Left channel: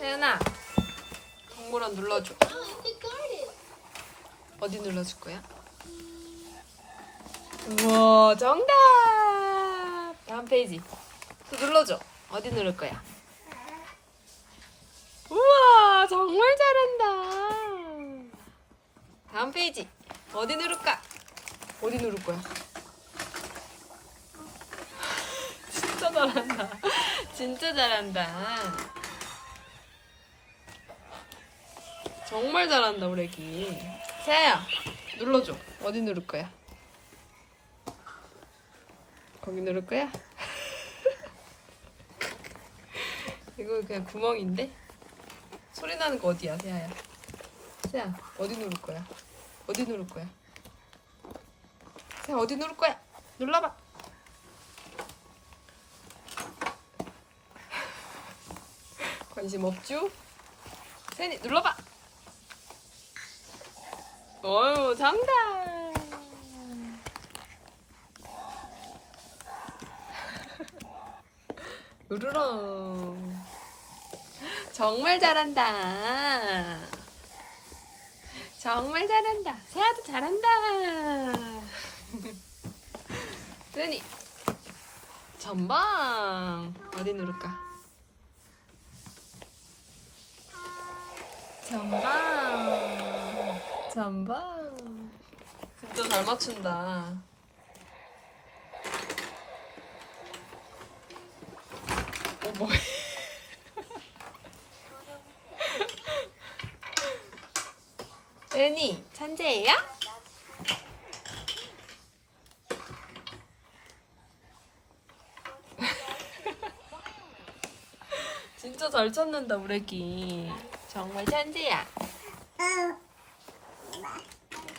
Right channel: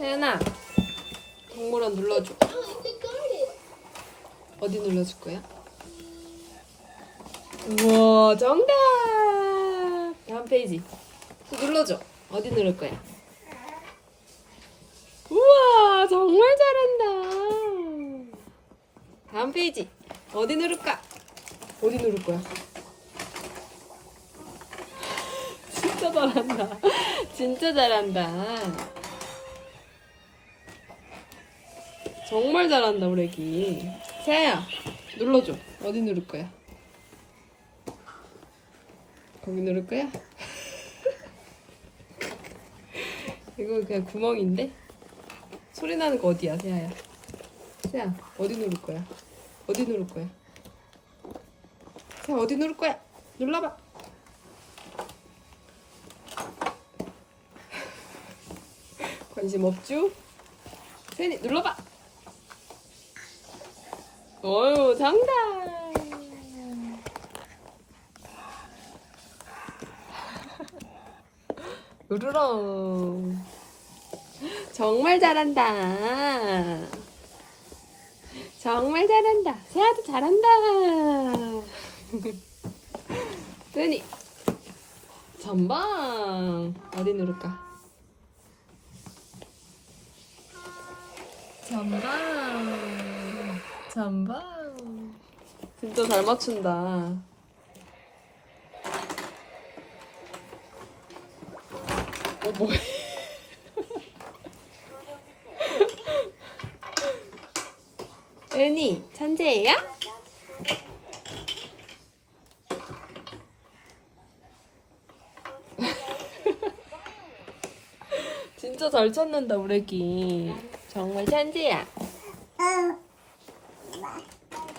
세연아, 동물원 눌러줘. 어디 눌러줄 거야? 우와, 정답! 다음 페이지. 또 눌러줘. 어디 누를 거야? 우와, 정말 잘한다. 다음 페이지. 어디 누를까? 어디 누를 거야? 진짜 잘한다. 진짜 잘한다. 정말 잘한다, 우리 애기. 세아야, 눌러줘. 어디 누를 거야? 거기 누를 거야? 이거 그냥 구멍인데? 소리 나는 거 어디야, 세아야? 세아, 어디 누를 거야? 어디 누를 거야? 세아, 어디 누를 거야? 눌러봐. 관심 없죠? 세니 눌러봐. 어유 정답. 으르렁. 정말 잘한다. 정말 잘한다. 세아도 잘한다. 세니 전방 어디 누를까? 전방 전방 진짜 잘 맞춘다. 어 뭐해? 은이 천재예요? 진짜 잘 찾는다 우리 애기. 정말 천재야. 응. back.